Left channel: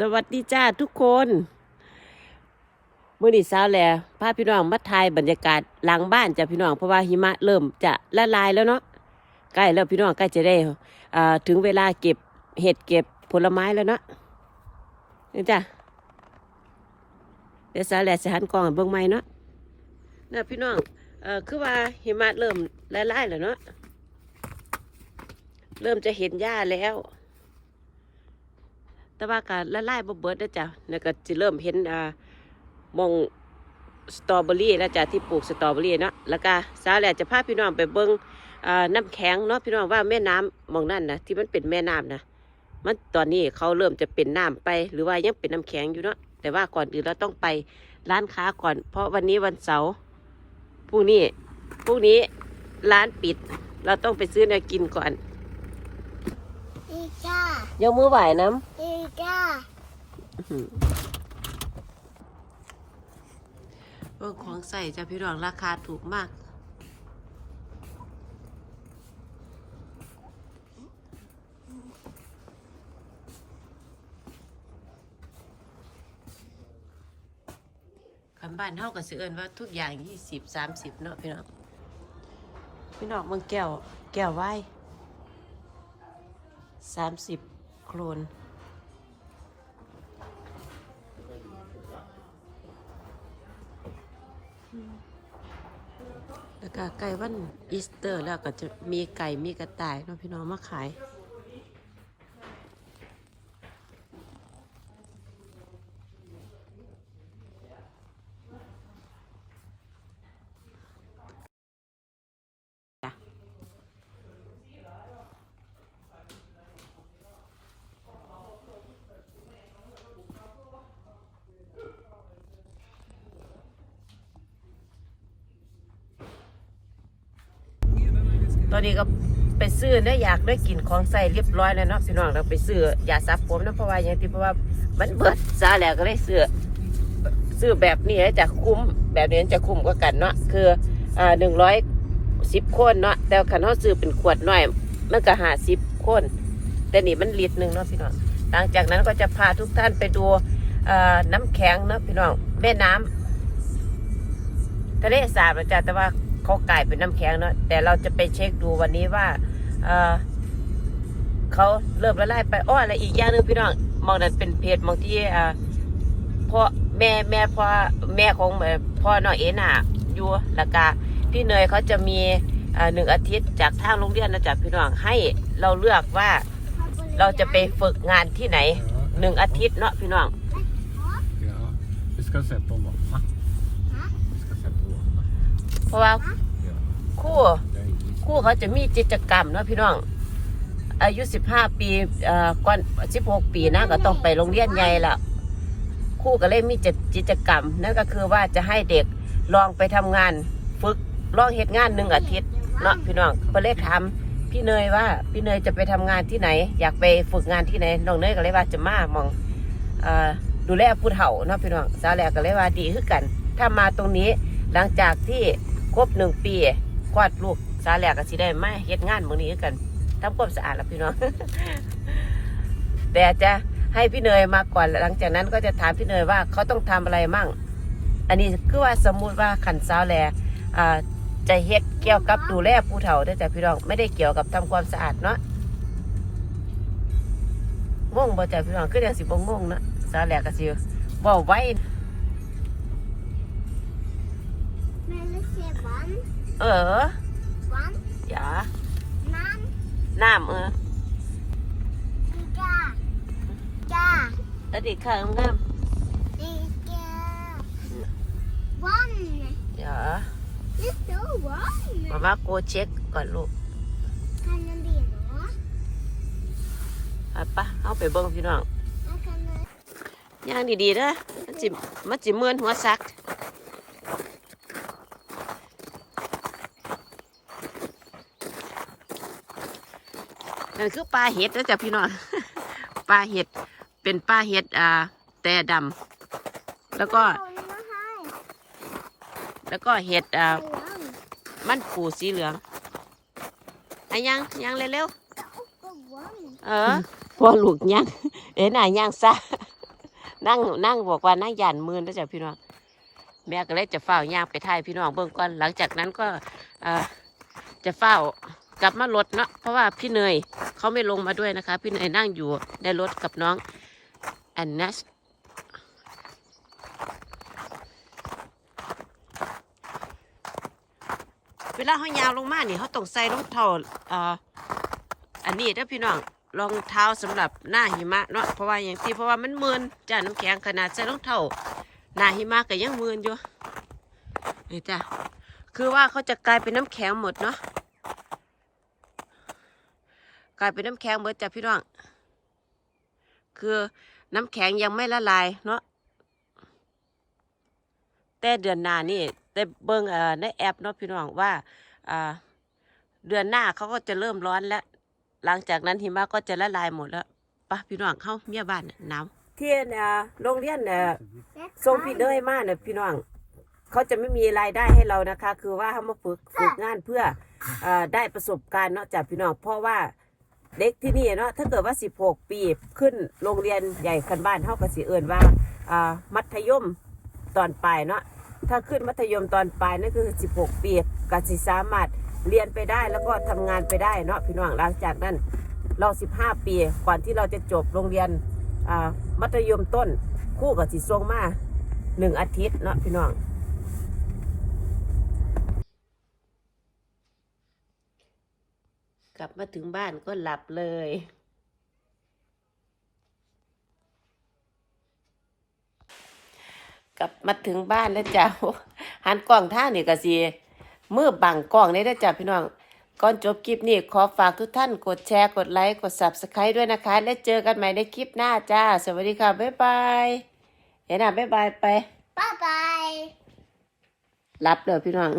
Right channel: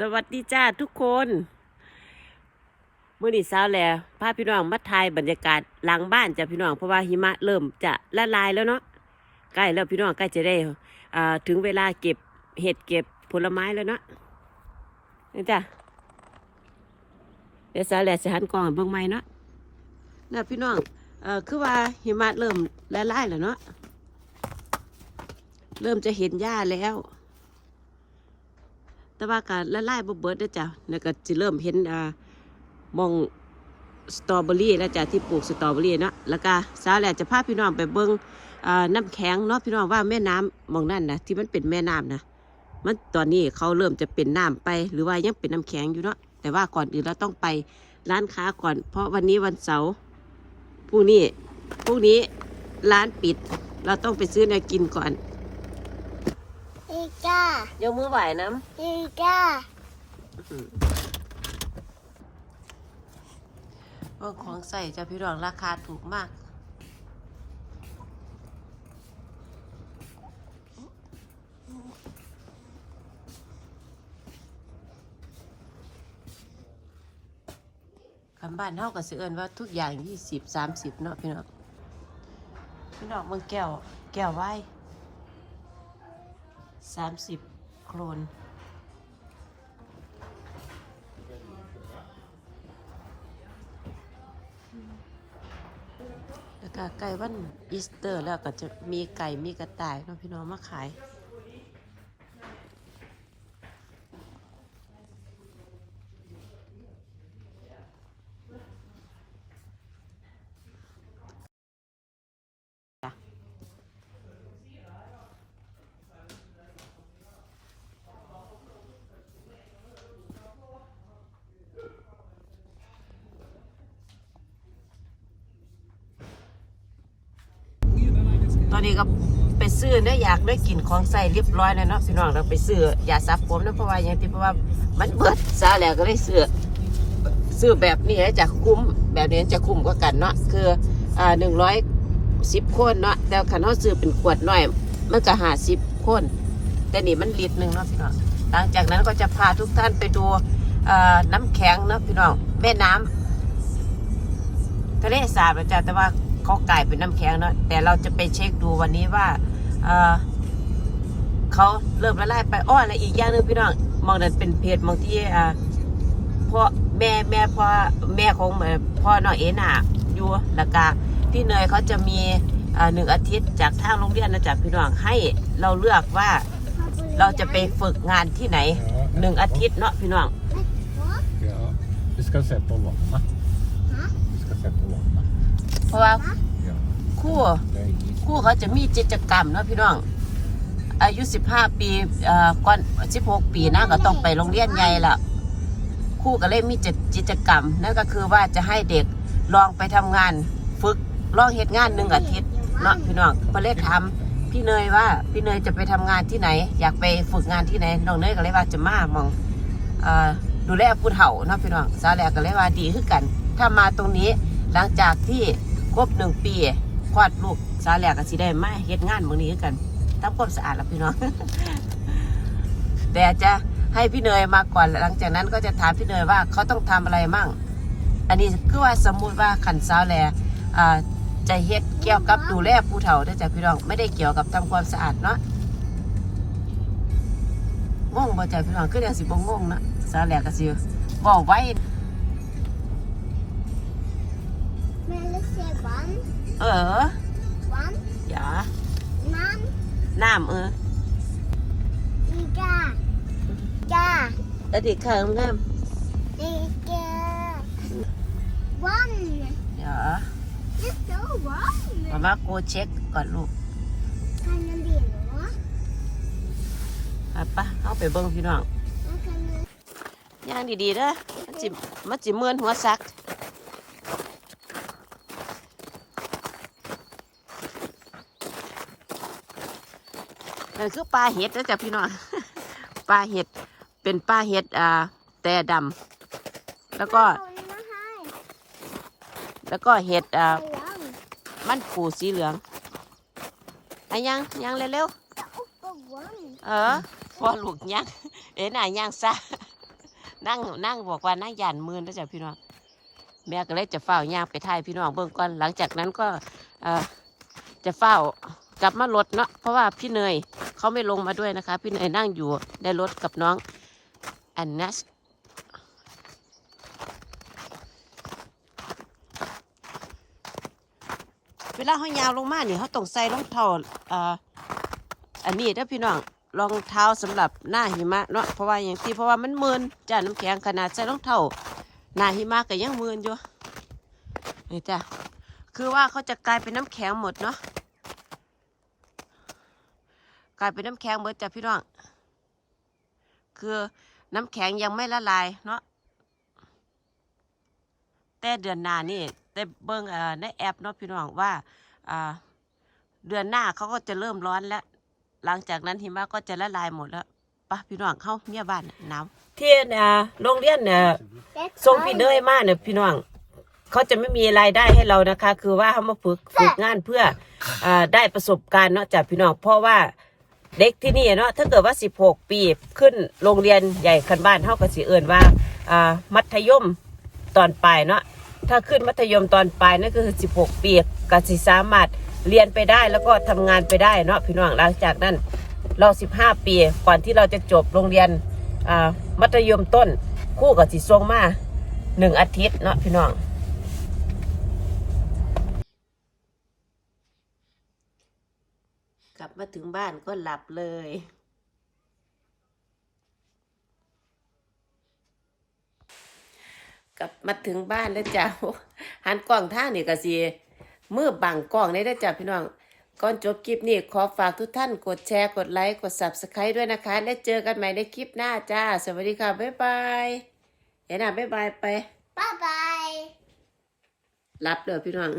สวัสดีจ้าทุกคนมื่อนี้เช้าแล้วพาพี่น้องมาถ่ายบรรยากาศหลังบ้านจ้ะพี่น้องเพราะว่าหิมะเริ่มจะละลายแล้วเนาะใกล้แล้วพี่น้องใกล้จะได้ถึงเวลาเก็บเห็ดเก็บผลไม้แล้วเนาะนี่จ้ะเดี๋ยวเช้าแล้วจะหันกล้องเบิ่งใหม่เนาะน่ะพี่น้องเอ่อคือว่าหิมะเริ่มละลายแล้วเนาะเริ่มจะเห็นหญ้าแล้ว แต่ว่าก็ละลายบ่เบิดแล้วจ้ะแล้วก็สิเริ่มเห็นอ่ามองสตรอเบอรี่แล้วจ้ะที่ปลูกสตรอเบอรี่เนาะแล้วก็สาวแหละจะพาพี่น้องไปเบิ่งอ่าน้ำแข็งเนาะพี่น้องว่าแม่น้ำมองนั่นนะที่มันเป็นแม่น้ำนะมันตอนนี้เขาเริ่มจะเป็นน้ำไปหรือว่ายังเป็นน้ำแข็งอยู่เนาะแต่ว่าก่อนอื่นเราต้องไปร้านค้าก่อน เพราะวันนี้วันเสาร์พรุ่งนี้พรุ่งนี้ร้านปิด เราต้องไปซื้อเนื้อกินก่อน อีก้ายกมือไหวน้อีก้าำว่าของใส่จะพี่น้องราคาถูกมาก คำบ้านเท่ากับเสือเอินว่าทุกอย่างยี่สิบสามสิบเนาะพี่น้องพี่น้องมึงแก้ว แก้วไว้ สามสิบโครนแล้วก็ไก่วันอีสเตอร์แล้วก็จะมีไก่มีกระต่ายเนาะพี่น้องมาขาย อนนี้ก็ไปซื้อเนี่ยอยากได้กินของใส่เรียบร้อยแล้วเนาะพี่น้องเราไปซื้อยาซับผมเนะเพราะว่าอย่างที่เพราะว่ามันเบิดซาแล้วก็เลยซื้อซื้อแบบนี้จะคุ้มแบบนี้จะคุ้มกว่ากันเนาะคืออ่าหนึ่งร้อยสิบคนเนาะแต่ขันเขาซื้อเป็นขวดหน่อย มันก็หาสิบคนแต่นี่มันลิตรหนึ่งเนาะพี่น้องหลังจากนั้นก็จะพาทุกท่านไปดูน้ำแข็งเนาะพี่น้องแม่น้ำทะเลสาบนะจ๊ะแต่ว่า เขากลายเป็นน้ำแข็งเนาะแต่เราจะไปเช็คดูวันนี้ว่าเออเขาเริ่มละลายไปอ้อและอีกอย่างนึงพี่น้องมองนั้นเป็นเพจมองที่อ่าพ่อแม่แม่พ่อแม่ของพ่อน้องเอน่ะอยู่แล้วก็พี่เนยเขาจะมีหนึ่งอาทิตย์จากทางโรงเรียนนะจ๊ะพี่น้องให้เราเลือกว่าเราจะไปฝึกงานที่ไหนหนึ่งอาทิตย์เนาะพี่น้อง Ja, vi ska sätta varma. Vi ska sätta varma. เพราะว่า Ja, ครู่ det är is. ครู่เขาจะมีกิจกรรมเนาะพี่น้อง อายุ 15 ปีเอ่อก่อน16 ปีนะก็ต้องไปโรงเรียนใหญ่ละครู่ก็เลยมีกิจกรรมนั่นก็คือว่าจะให้เด็กลองไปทำงานฝึกลองเหตุงานหนึ่งอาทิตย์เนาะพี่น้องก็เลยถามพี่เนยว่าพี่เนยจะไปทำงานที่ไหน อยากไปฝึกงานที่ไหนน้องเนยก็เลยว่าจะมามองเอ่อดูแลผู้เฒ่าเนาะพี่น้องสาวแหลกก็เลยว่าดีขึ้นกัน ถ้ามาตรงนี้หลังจากที่ ครบหนึ่งปีคลอดลูกสาแหลกก็สิได้มาเฮ็ดงานเมืองนี้กันทำความสะอาดแล้วพี่น้อง แต่จะให้พี่เนยมาก่อนหลังจากนั้นก็จะถามพี่เนยว่าเขาต้องทำอะไรมั่ง อันนี้คือว่าสมมุติว่าขันสาวแหลอ่าจะเฮ็ดเกี่ยวกับดูแลผู้เฒ่าเด้อจ้ะพี่น้องไม่ได้เกี่ยวกับทำความสะอาดเนาะงงบ่จ้ะพี่น้องคือจังสิบ่งงนะสาแหลก็สิบ่ไว้ เออ vann, อย่า man, น้ำเออ iga, ga, แล้วดิข้างงาม iga, vann. อย่า Det står vann. มาว่าโกเช็คก่อนลูก Kan man det då? ไปปะเอาไปเบิ่งพี่น้อง Man kan... ย่างดีๆเด้อมันจิมันจิเมือนหัวซัก นั่นคือปลาเห็ดนะจ๊ะพี่น้องปลาเห็ดเป็นปลาเห็ดอ่าแต่ดำแล้วก็ Kolla här. แล้วก็เห็ดอ่า Kolla. มันปูสีเหลืองไอ้ยังยังเร็ว Där uppe vann. ๆเออพอลูกยังเอ็นอะยังซะนั่งนั่งบอกว่านั่งหยานมือนะจ๊ะพี่น้องแม่ก็เลยจะเฝ้าย่างไปถ่ายพี่น้องเบิ่งก่อนหลังจากนั้นก็เอ่อจะเฝ้า กลับมารถเนาะเพราะว่าพี่เนยเขาไม่ลงมาด้วยนะคะ พี่เนยนั่งอยู่ในรถกับน้องแอนนัสเวลาเขายาวลงมาเนี่ยเขาต้องใส่รองเท้าอันนี้เด้อพี่น้องรองเท้าสำหรับหน้าหิมะเนาะเพราะว่าอย่างที่เพราะว่ามันมืนจ้าน้ำแข็งขนาดใส่รองเท้าหน้าหิมะก็ยังมืนอยู่นี่จ้ะคือว่าเขาจะกลายเป็นน้ำแข็งหมดเนาะ กลายเป็นน้ำแข็งหมดจ้ะพี่น้อง คือน้ำแข็งยังไม่ละลายเนาะแต่เดือนหน้านี่ได้เบิ่งเอ่อในแอปเนาะพี่น้องว่าอ่าเดือนหน้าเขาก็จะเริ่มร้อนแล้ว หลังจากนั้นหิมะก็จะละลายหมดแล้วปะพี่น้องเข้าเมียบ้านน่ะหนาวเที่ยนอ่าโรงเรียนเนี่ย That's ทรงพี่เนยมาเนี่ยพี่น้องเขาจะไม่มีรายได้ให้เรานะคะ คือว่าเขามาฝึกฝึกงานเพื่ออาได้ประสบการณ์เนาะจากพี่น้องเพราะว่า เด็กที่นี่เนาะถ้าเกิดว่า 16 ปีขึ้นโรงเรียนใหญ่คันบ้านเท่ากับสิเอิญว่าอ่ามัธยมตอนปลายเนาะถ้าขึ้นมัธยมตอนปลายนั่นก็คือ 16 ปีก็สิสามารถเรียนไปได้แล้วก็ทำงานไปได้เนาะพี่น้องหลังจากนั้นเรา 15 ปีก่อนที่เราจะจบโรงเรียนอ่ามัธยมต้นคู่กับสิทรงมาหนึ่งอาทิตย์เนาะพี่น้อง กลับมาถึงบ้านก็หลับเลย กลับมาถึงบ้านแล้วจ้าหันกล้องท่างนี่ก็สิมือบังกล้องนี่แล้วจ้าพี่น้อง ก่อนจบคลิปนี้ขอฝากทุกท่านกดแชร์ กดไลค์ กด subscribe ด้วยนะคะ แล้วเจอกันใหม่ในคลิปหน้าจ้า สวัสดีค่ะ บ๊ายบายเห็นอะบ๊ายบายไป Bye bye. รับเลยพี่น้อง